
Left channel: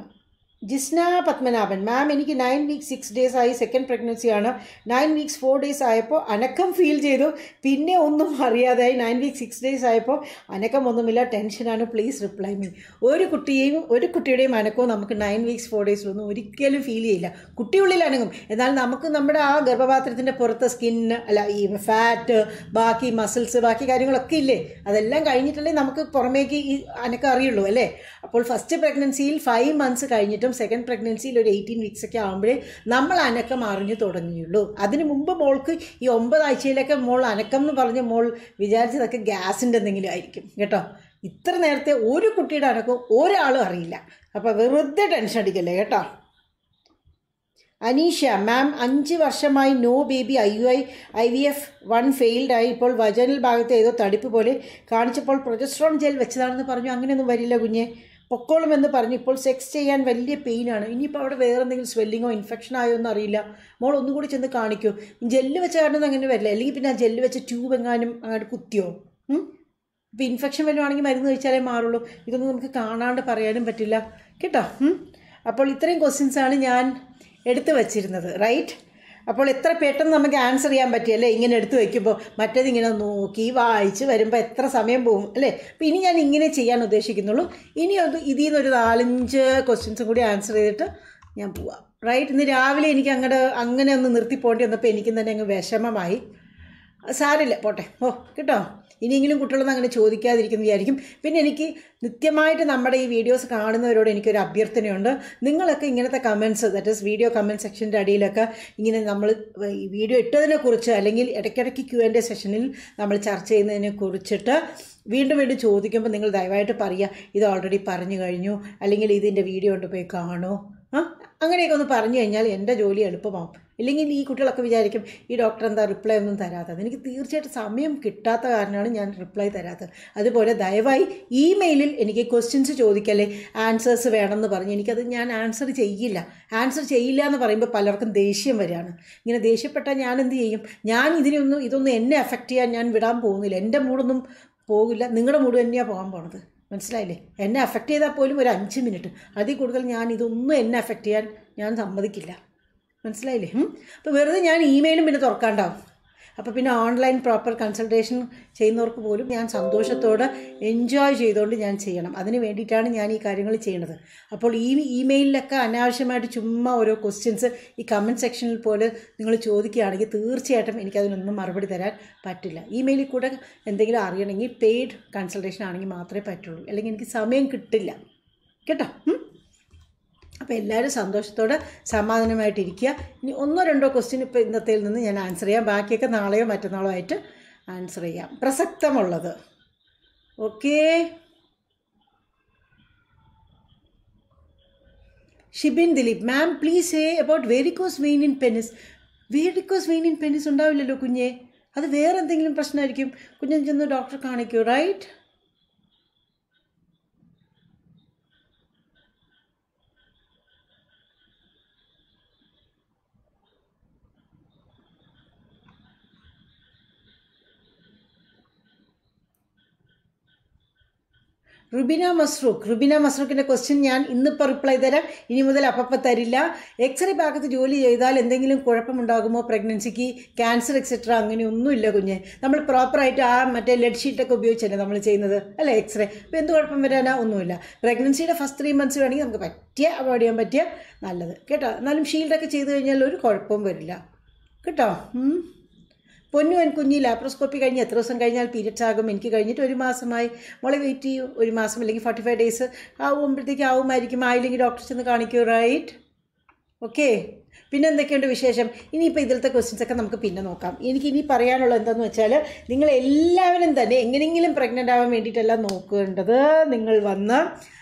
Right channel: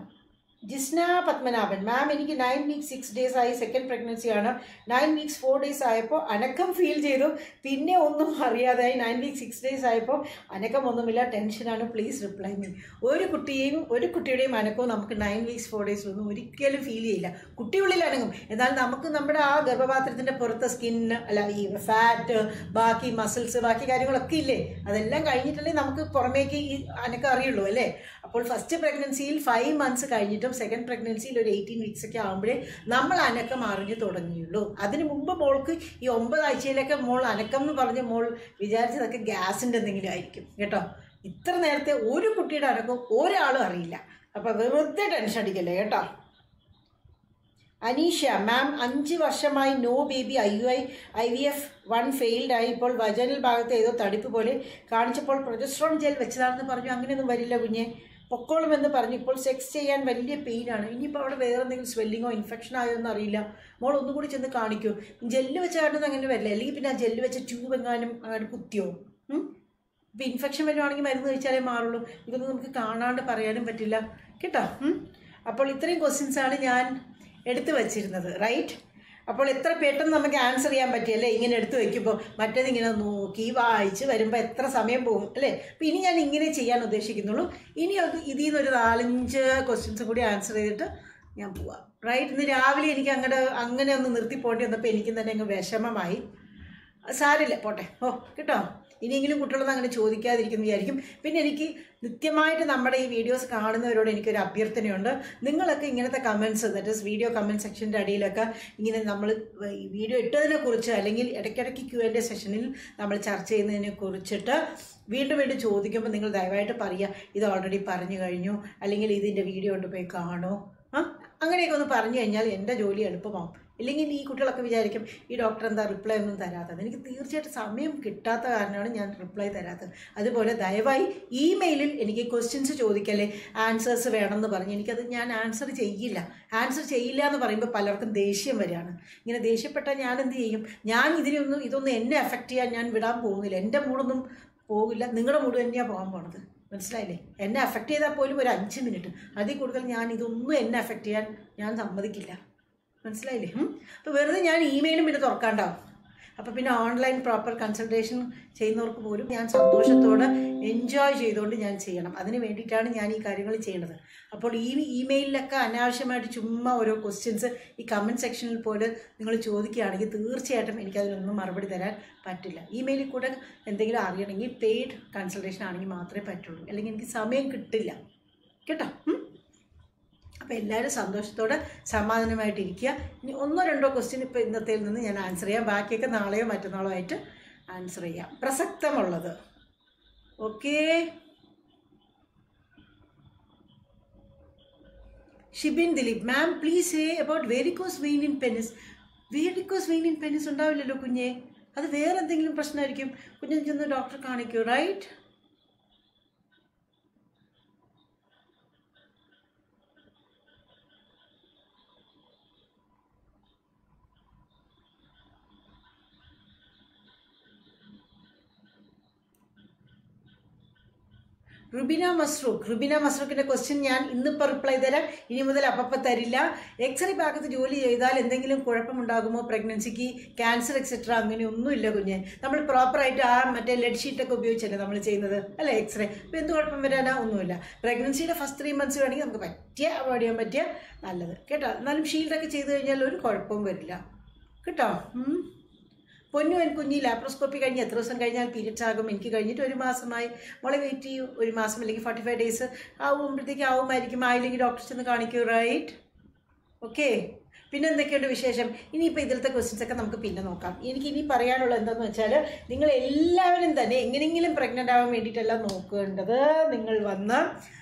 ജിസ്ന പത്മനാഭൻ. മാം എനിക്ക് നയൻ വീക്സ് സിക്സ് ഡേയ്സ് ആയി സെക്കൻഡ് പ്രഗ്നൻസി ആണ്. നയൻ വീക്സ് ഫോർ ഡേയ്സ് ആയപ്പോൾ അനക്കം ഫീൽ ചെയ്തു. പിന്നെ ഒന്നും അറിയാതായി. നയൻ വീക്സ് സിക്സ് ഡേയ്സ് ആയപ്പോൾ അനക്കം ഒന്നുമില്ല. ടെൻഷനാണ് പ്ലീസ് റിപ്ലൈ മീ ഒരു കുട്ടിയെയും ഒരു കുട്ടിയുടെയും അനക്കവും നമുക്ക് നയൻ വീക്സ് ഫോർ ഡേയ്സിലൊന്നും ഒരിക്കലും ഫീൽ ചെയ്യില്ല. കുട്ടിയുള്ളിൽ അനങ്ങും. എന്നാൽ നമുക്ക് നമ്മുടെ ആ ഗർഭപാത്രത്തിന്റെ പുറത്ത് സ്കിൻ അല്ല ഈ ഫാറ്റ് ബാക്കി മസിൽസ് ബാക്കി കാര്യങ്ങളൊക്കെ ഇല്ലേ? അതെല്ലാം കഴിഞ്ഞിട്ടുണ്ടെങ്കിൽ നമുക്ക് പുറമേക്ക് ഈ അനക്കം അറിയുള്ളൂ അല്ലേ? അപ്പോൾ ഫസ്റ്റ് പ്രഗ്നൻസിയിൽ ഫൈവ് മന്ത്സ് കഴിഞ്ഞിട്ടും സെക്കൻഡ് പ്രഗ്നൻസിയിൽ ഒരു എയ്റ്റീൻ വീക്സ് ഒക്കെ ആകുമ്പോഴേ നമ്മൾ അനക്കം അറിഞ്ഞു തുടങ്ങിയുള്ളൂ. അതിന് മുമ്പ് മോൾക്ക് ഈ ഒമ്പതാഴ്ചയിലൊക്കെ മോൾ അനക്കം എന്ന് പറഞ്ഞ് മോൾ വിചാരിച്ചതൊക്കെ ഗ്യാസിന്റെ എന്തെങ്കിലും ആയിരിക്കും കേട്ടോ? ഇത്ര നേരത്തെ ഒരു കുട്ടിയുടെ അനക്കം ഒരാളും അറിയില്ല. അപ്പോൾ വെറുതെ ടെൻഷൻ അടിക്കല്ലേ കേട്ടോ? അനീഷ മാം അഞ്ച് വർഷമായി no baby I U I I V F one failed ആയി. ഇപ്പോൾ വജനൽ ഭാഗത്ത് ഏതോ തടിപ്പ് പോലെ കാണിച്ചപ്പോൾ പ്രൊജസ്ട്രോൺ ജെൽ വെച്ചതാണെന്ന് പറഞ്ഞു. അങ്ങനെയൊന്നും വരില്ല കുഞ്ഞെ. പൊക്കോളുമെന്ന് പറഞ്ഞു. ഇപ്പോൾ സെക്സ് ചെയ്യാൻ വലിയ പെയിനാണ് ഇനിയിപ്പോൾ അവിടെ വേറെ എന്തെങ്കിലും സ്വെല്ലിങ്ങോ ഇൻഫെക്ഷൻ ആയോ എന്ന് അറിയില്ല. മോൾ ഒന്നുകൂടി ചെന്ന് കാണിക്കൂ. ജെല്ല് വെച്ച കാരണം അങ്ങനെ വരില്ല. അല്ലെങ്കിൽ പിന്നെ ആ ജെല്ല് വെച്ച ട്യൂബ് എങ്ങാനും അങ്ങോട്ട് കുത്തിയോ? ഇപ്പം ഇൻഫെക്ഷൻ വരുവാണെങ്കിൽ മരുന്ന് കഴിച്ചാലേ മാറുള്ളൂ. ഇതൊന്നും നമുക്ക് കാണാണ്ട് പറയാനും പറ്റില്ല. കേട്ടോ? അപ്പോൾ ഇത്രയും ക്വസ്റ്റ്യൻസാണ് ഞാൻ എടുത്തു വച്ചിരുന്നത്. റൈറ്റ് അപ്പോൾ എത്ര പെട്ടെന്ന് നമുക്ക് ആൻസർ ചെയ്യാൻ പറ്റിയല്ലേ ഇങ്ങനെ എടുത്തു വയ്ക്കുമ്പോൾ മറ്റേത് ഇങ്ങനെ നോക്കി വായിച്ച് വരുമ്പോൾ എത്ര സമയം പോകും അല്ലേ? അപ്പോൾ ഇനി ഞാൻ ഇങ്ങനെ ചെയ്യാൻ ഉദ്ദേശിക്കുന്നുള്ളൂ. ഇനി അത് ഇതിൽ നിന്നൊരു നാലഞ്ച് ക്വസ്റ്റ്യൻസും കൂടി ആൻസർ ചെയ്തിട്ട് ഞാൻ പോവാം. റൈറ്റ് ഇന്ന് രാവിലെ എനിക്ക് അങ്ങോട്ട് അങ്ങനെ ഒന്ന് നിർത്തി പോകേണ്ടി വന്നപ്പോൾ എനിക്കും തന്നെ അങ്ങ് വിഷമമായി. സാരില്ല പോട്ടെ. ഓ കേട്ടോ? ഇനിയെങ്കിലും കുട്ടികളൊന്നും അങ്ങനെ ചോദിക്കാതിരിക്കുന്നു വിചാരിക്കും. പിന്നെ എനിക്ക് നിത്യമായിട്ട് നമ്മുടെ ഈ വീഡിയോസ് കാണുന്നവരോട് എനിക്കൊരു അഭ്യർത്ഥനയുണ്ട്. നിങ്ങളൊക്കെ ഇങ്ങനത്തെ comments that is video comment സെക്ഷന്റെ അടിയിലൊക്കെ ഇങ്ങനെ നമ്മൾ ഈ വീഡിയോ ഇട്ടതിനെക്കുറിച്ച് അല്ലെങ്കിൽ ഇടയ്ക്കിടയ്ക്ക് ക്യു എന്റെ സെഷനിൽ നമ്മൾ ചർച്ച ചെയ്യുന്നതിനെ കുറിച്ചിട്ട് വീണ്ടും വീണ്ടും ചോദിക്കുമ്പോൾ നിങ്ങൾ ദയവായിട്ട് പറയുക ഇത് ഓൾറെഡി പറഞ്ഞു കഴിഞ്ഞു. അല്ലെങ്കിൽ ഇതിന്റെ വീഡിയോ കൊണ്ട് പോയി കാണൂ. അങ്ങനെയൊക്കെ ഒന്ന് പറഞ്ഞു കഴിഞ്ഞാൽ എന്റെ ജോലി എളുപ്പമാവും. ഇല്ലെങ്കിൽ ഈ കുട്ടികളൊക്കെ വിചാരിക്കും ഈ ഡോക്ടർ എന്താ റിപ്ലൈ ഒന്നും തരാത്തത്. എനിക്ക് തീർച്ചയായിട്ടും സമയം കിട്ടാത്ത കാരണമാണ് ഞാൻ റിപ്ലൈ തരാത്തത്. അതുപോലെ ദയവായി ഇമെയിലിൽ എനിക്ക് ക്വസ്റ്റ്യൻസ് ചോദിക്കല്ലേ ആൻസേഴ്സ് വേണമെന്ന് പറഞ്ഞ് എനിക്കത് ഞാൻ ആൻസർ ചെയ്യില്ല. ആൻസർ ചെയ്യില്ല എന്ന് പറയുമ്പോൾ പലർക്കും ദേഷ്യം വരികയാണ്. ഇങ്ങനെ ദേഷ്യപ്പെട്ടാൽ ഞാൻ എന്ത് ചെയ്യും? ഞാൻ ഇതിനൊന്നും ഇതൊന്നും എന്നെ എഫക്റ്റ് ചെയ്യാൻ ഞാൻ വിടാൻ പോകുന്നില്ല. എന്റെ മൂടൊന്നും പോകില്ല. നിങ്ങളുടെ മൂട് തന്നെയാണ് പോകാൻ പോണത്. മനസ്സിലായില്ലേ? എന്നെ അഫക്റ്റ് ചെയ്താൽ പോലും ഒരു അഞ്ച് മിനിറ്റ് അതിൽ കൂടുതൽ ഞാൻ ഇതൊന്നും എന്നെ അഫക്റ്റ് ചെയ്യാൻ ഞാൻ സമ്മതിക്കില്ല. മനസ്സിലായില്ലേ? അപ്പോൾ വെറുതെ ഞാൻ ഇമെയിലും പിന്നെ തുറക്കാണ്ടാവും അപ്പോൾ പിന്നെ ഓൺലൈൻ പ്രോപ്പർ കൺസൾട്ടേഷൻ ചെയ്യുന്നവർക്ക് പോലും ഞാൻ സന്തോഷത്തോടെ എൻജോയ് ചെയ്തുകൊണ്ട് ഞാൻ ചെയ്യണം. അതിന് വേണ്ടിയിട്ടാണ് ഞാൻ ഈ കാര്യങ്ങൾ ചെയ്യുന്നത് അപ്പോൾ ഈ ഇമെയിലിലൊക്കെ അനാവശ്യമായിട്ട് ചുമ്മാ ഓരോ ക്വസ്റ്റ്യൻസ് ഈ കമന്റ് സെക്ഷനിൽ പോലെ നിങ്ങൾ ചോദിക്കുകയാണെങ്കിൽ തീർച്ചയായിട്ടും എനിക്കതിനൊന്നും മറുപടി തരാൻ പറ്റില്ല. ഇമെയിലിൽ കൂടെ എന്തെങ്കിലും അറിയണമെങ്കിൽ പെയ്ഡ് കൺസൾട്ടേഷൻ ആണെങ്കിൽ മാത്രമേ പറ്റുള്ളൂ. അല്ലെങ്കിൽ എനിക്ക് സമയം കിട്ടില്ല. കേട്ടോ? അപ്പോൾ എല്ലാവരും സന്തോഷത്തോടെ സമാധാനമായിട്ടിരിക്കുക. ഇനി ഒന്നോ രണ്ടോ ക്വസ്റ്റ്യൻ ഇപ്പോൾ ഇന്നത്തേൽ നിന്ന് ഞാൻ ആൻസർ ചെയ്യാം. ബാക്കിയൊക്കെ നാളെയോ മറ്റന്നാളോ ആയിട്ട് ആൻസർ ചെയ്യാം. പ്രസക്തമുള്ളത്. Okay Shibin Dileep ma'am please say about varicose vein in penis varicose vein in penis ഉണ്ടാവില്ലല്ലോ കുഞ്ഞെ. അത് വേറെ എന്തെങ്കിലും പ്രശ്നമായിരിക്കും? കുഞ്ഞൻ ചെന്ന് ഡോക്ടറെ കാണിക്കൂ റൈറ്റ് റുബിന മസ്റൂഖ് റുബിന മസ്റൂഖിന്റെ ക്വസ്റ്റ്യൻ ഞാൻ ഇന്നിപ്പോൾ റിപ്ലൈ തരാം. ഇനി മുതൽ അപ്പപ്പം തരില്ല. എക്സ്റേ ഭാഗത്ത് ജോലി ചെയ്താൽ എന്തെങ്കിലും കുഴപ്പമുണ്ടാകുമോ? പ്രഗ്നൻസിക്ക് ക്യാൻസർ എക്സെട്ര അങ്ങനെയൊന്നുമില്ല കുഞ്ഞ്. നമ്മൾ പ്രോപ്പറായിട്ട് ആ മറ്റേ ലെഡ് ഷീറ്റൊക്കെ ഉപയോഗിച്ചല്ലേ നമ്മൾ ചെയ്യുന്നത്? അല്ലേ എക്സ്റേ അപ്പോൾ എന്ത് കുഴപ്പം വരാനാ? ഒന്നുമില്ല. പ്രഗ്നൻസിയുടെ ഫസ്റ്റ് ത്രീ മന്ത്സ് വേണമെങ്കിൽ നമുക്ക് പറ്റിയ അവോയ്ഡ് ചെയ്യാൻ പറ്റിയ നല്ലത്. കേട്ടോ? എന്നാലും ഷീൽഡൊക്കെ ചെയ്ത് കഴിഞ്ഞാൽ ഒരു കുഴപ്പവും വരില്ല. കേട്ടോ. പൊന്നു കുഞ്ഞി ലാപ്രോസ്കോപ്പി കഴിഞ്ഞ് എത്ര ദിവസം കഴിഞ്ഞാൽ പീരിയഡ്സ് ആകും? എനിക്ക് കഴിഞ്ഞിട്ട് ഒരു മാസമായി. മോളെ വെയിറ്റ് ചെയ്യൂ. ഒരു മാസം അല്ലെങ്കിൽ ഫോർട്ടി ഫൈവ് ഡേയ്സ് ആവുമ്പോഴത്തേക്ക് ആവുമായിരിക്കും. ആയില്ലെങ്കിൽ ഡോക്ടർ ചെന്ന് കാണിക്കൂ റൈറ്റ് ഓക്കെ പിന്നെ എന്തൊക്കെയുണ്ട് വിശേഷം? ഇനിയിപ്പോൾ ഇതിലത്തെ ക്വസ്റ്റ്യൻസ് ഒക്കെ നമുക്ക് പിന്നെ നോക്കാം. എനിക്ക് ഇനി പറയാനുള്ളത് എന്താണെന്ന് വെച്ചാൽ നിങ്ങൾ എല്ലാവരും തന്നെ എങ്ങനെയെങ്കിലും പ്രഗ്നന്റ് ആവാൻ വേണ്ടിയിട്ടല്ല നോക്കേണ്ടത്. നിങ്ങൾ വന്ന്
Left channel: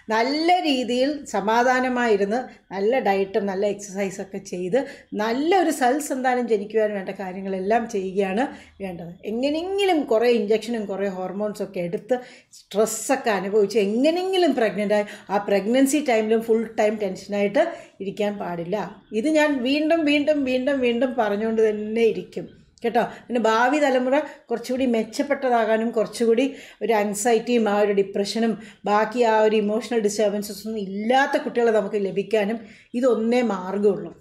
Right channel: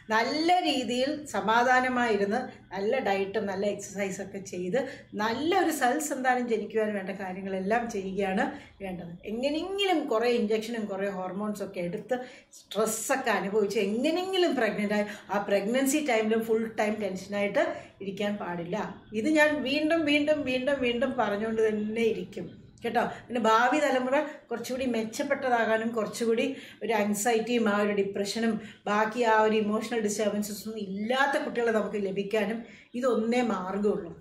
നല്ല രീതിയിൽ സമാധാനമായിരുന്ന് നല്ല ഡയറ്റും നല്ല എക്സസൈസൊക്കെ ചെയ്ത് നല്ലൊരു സൽസന്താനം ജനിക്കുവാൻ വേണ്ട കാര്യങ്ങളെല്ലാം ചെയ്യുകയാണ് വേണ്ടത്. എങ്ങനെയെങ്കിലും കുറേ ഇഞ്ചക്ഷനും കുറേ ഹോർമോൺസൊക്കെ എടുത്ത് സ്ട്രെസ്സൊക്കെ അനുഭവിച്ച് എങ്ങനെയെങ്കിലും പ്രഗ്നന്റ് ആയി ആ പ്രഗ്നൻസി ടൈമിലും ഫുൾ ടൈം ടെൻഷനായിട്ട് ഇരിക്കാൻ പാടില്ല. ഇത് ഞാൻ വീണ്ടും വീണ്ടും വീണ്ടും വീണ്ടും പറഞ്ഞുകൊണ്ട് തന്നെ ഇരിക്കും. കേട്ടോ? പിന്നെ ഭാവി തലമുറ കുറച്ചുകൂടി മെച്ചപ്പെട്ടതാകാനും കുറച്ചുകൂടി ഒരു ആങ്സൈറ്റിയും ആ ഒരു ഡിപ്രഷനും ബാക്കി ആ ഒരു ഇമോഷണൽ ഡിസ്റ്റർബൻസസും ഇല്ലാത്ത കുട്ടികളെ നമുക്ക് ലഭിക്കാനും ഇതൊന്നേ മാർഗമുള്ളൂ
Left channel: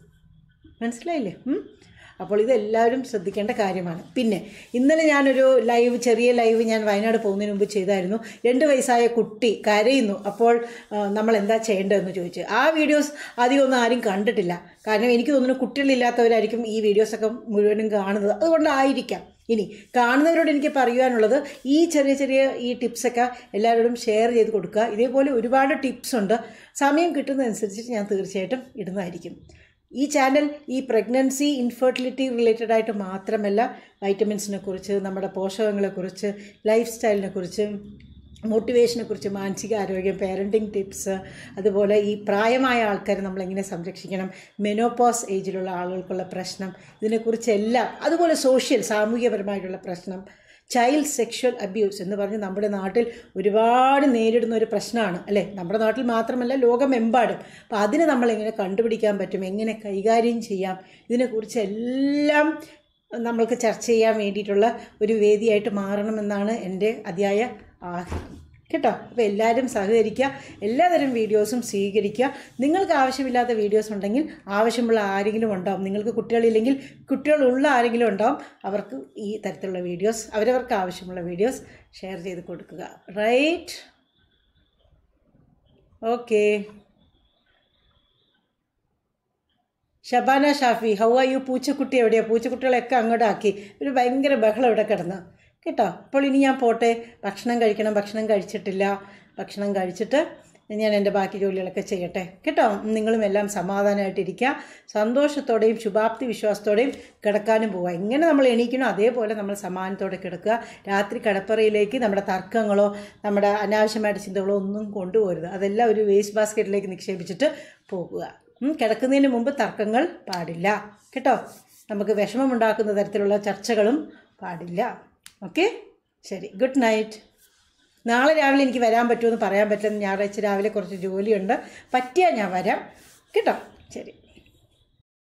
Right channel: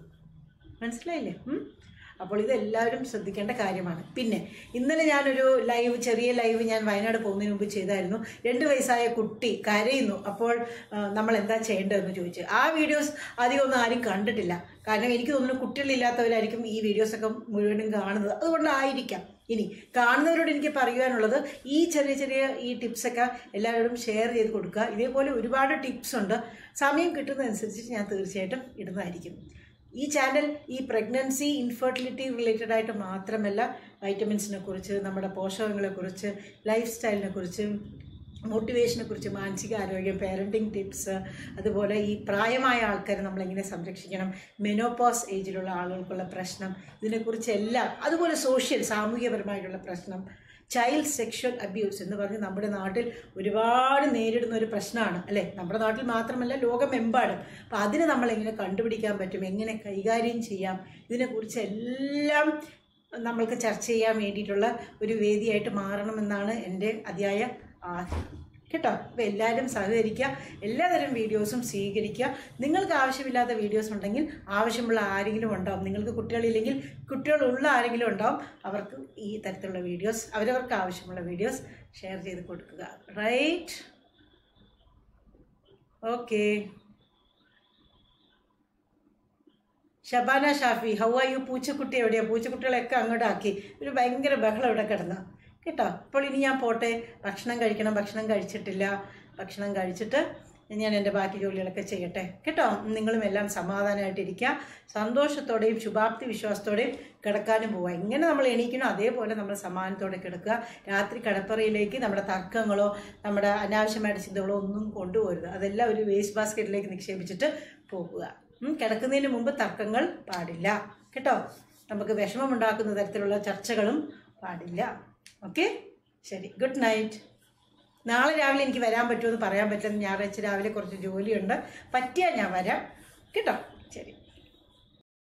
മനസ്സിലായില്ലേ? അപ്പോൾ ഇതെല്ലാവരും ശ്രദ്ധിക്കേണ്ട കാര്യമാണ്. പിന്നെ ഇന്നലെ ഞാനൊരു ലൈവ് ചെറിയ ലൈവ് ഞാൻ വയനാട് പോകുന്നതിന് മുമ്പ് ചെയ്തായിരുന്നു. രണ്ട് വയസ്സായ കുട്ടി കരയുന്നു. അപ്പോൾ നമ്മൾ എന്താ ചെയ്യേണ്ടതെന്ന് ചോദിച്ചു. ആ വീഡിയോസ് അധികം ഒന്നും ആരും കണ്ടിട്ടില്ല. കാരണം എനിക്ക് തോന്നുന്നു കുട്ടികളില്ലാത്തവരായിരിക്കും ഈ വീഡിയോസൊക്കെ മുഴുവനും കാണുന്നത്. അതുകൊണ്ടായിരിക്കാം. ഇനി കാണുന്നവരോട് എനിക്ക് പറയുവാനുള്ളത് ഈ ചെറിയ ചെറിയ ഈ ടിപ്സൊക്കെ എല്ലാവരോടും ഷെയർ ചെയ്ത് കൊടുക്കുക. ഇതേപോലെ ഒരുപാട് ടിപ്സ് ഉണ്ട്. സമയം കിട്ടുന്നതനുസരിച്ച് ഞാൻ തീർച്ചയായിട്ടും ഇടുന്നതായിരിക്കും. ഈ ചാനൽ ഈ പ്രഗ്നൻസി ഇൻഫെർട്ടിലിറ്റി റിലേറ്റഡ് ആയിട്ട് മാത്രമല്ല വൈറ്റമിൻസിനെ കുറിച്ച് നമ്മുടെ പോഷകങ്ങളെക്കുറിച്ച് ലൈഫ് സ്റ്റൈലിനെ കുറിച്ച് മോട്ടിവേഷനെ കുറിച്ച് മാനസിക ആരോഗ്യം പാരന്റിങ് ടിപ്സ് അതുപോലെ ഈ പ്രായമായ ആൾക്കാരെ നമ്മളെങ്ങനെ സംരക്ഷിക്കണം മെനോപോസ് ഏജിലുള്ള ആളുകൾക്കുള്ള പ്രശ്നം ഇതിനെക്കുറിച്ചെല്ലാം അതുപോലെ സോഷ്യൽ സാമൂഹികപരമായിട്ടുള്ള പ്രശ്നം ചൈൽഡ് സെക്ഷൽ അബ്യൂസ് എന്ന് പറഞ്ഞ് നമ്മുടെ നാട്ടിൽ ഒരുപാട് നേരിടുന്ന ഒരു പ്രശ്നമാണ് അല്ലേ? നമ്മുടെ നാട്ടിൽ മാത്രമല്ല ലോകമെമ്പാടും. അപ്പോൾ അതിനെ നമ്മൾ എങ്ങനെ കണ്ടുപിടിക്കാൻ പറ്റും? എങ്ങനെ കൈകാര്യം ചെയ്യാം? ഇതിനെക്കുറിച്ച് എല്ലാം നമ്മൾക്ക് ചർച്ച ചെയ്യാൻ വേണ്ടിയിട്ടുള്ള ഒരു വേദിയായിട്ട് മാറണമെന്നാണ് എന്റെ അതിയായ ആഗ്രഹം. കേട്ടോ? അപ്പോൾ എല്ലാവരും സഹകരിക്കുക എല്ലാതരം വീഡിയോസും സ്വീകരിക്കുക. നിങ്ങൾക്ക് ആവശ്യമില്ലാത്ത വീഡിയോസ് ഉണ്ടെങ്കിൽ ആവശ്യമുള്ള ആരെങ്കിലും ഉണ്ടാവും. നിങ്ങൾക്ക് കുട്ടികളില്ലെങ്കിൽ കുട്ടികളുള്ള ആരെങ്കിലും ഉണ്ടാവും. അവർക്ക് ഈ തരത്തിലുള്ള വീഡിയോസ് അവരവർക്ക് ആവശ്യമുള്ള വീഡിയോസ് ഷെയർ ചെയ്ത് കൊടുക്കുക. Right okay Shabana Shafi how are you പൂച്ചക്കുട്ടി എവിടെയാണ് പൂച്ചക്കുട്ടികളെയൊക്കെ അങ്ങോട്ടാക്കി. ഒരു ഭയങ്കര ബഹളം ഇവിടെ കിടന്ന്. കേട്ടോ. അപ്പോൾ ഇനി ഞാൻ പോട്ടെ. ഭക്ഷണം കഴിക്കണം. ഭക്ഷണം കഴിച്ചിട്ടില്ല. ഭക്ഷണം കഴിച്ചിട്ട് ഞാൻ എന്റെ ബാക്കി ജോലികളൊക്കെ ചെയ്യട്ടെ. കേട്ടോ? നിങ്ങളും എല്ലാം സമാധാനമായിട്ടിരിക്കുക. സന്തോഷത്തോടെയും ശുഭാപ്തി വിശ്വാസത്തോടെയും കിടക്കാനും പോവുക. എങ്ങനെ നമ്മൾ എണീക്കണോ അതേപോലെ നമ്മൾ സമാധാനത്തോടെ കിടക്കുക. രാത്രി കിടപ്പറയിലേക്ക് നമ്മുടെ തർക്കങ്ങളോ നമ്മുടെ അനാവശ്യമായിട്ട് ചിന്തകളോ ഒന്നും കൊണ്ടുപോകരുത്. അതെല്ലാം ഒരു വേസ്റ്റ് ബാസ്ക്കറ്റിലേക്ക് നിക്ഷേപിച്ചിട്ട് പോകുക. കിടക്കുന്നതിന് മുമ്പ് തർക്കങ്ങൾ പാടില്ല. കേട്ടോ? നമുക്ക് വിഷമമുണ്ടാക്കുന്ന തരത്തിലുള്ള ചർച്ചകളും പാടില്ല. ഓക്കെ? ശരി. Good night. നാളെ രാവിലെ എനിക്ക് വരാൻ പറ്റുമെന്ന് പറയാൻ പറ്റുമെന്ന് ഞായറാഴ്ച രാവിലെ കുറച്ച് ജോലിയുണ്ട്. പറ്റിയാൽ ഞാൻ വരാം. കേട്ടോ? ശരി.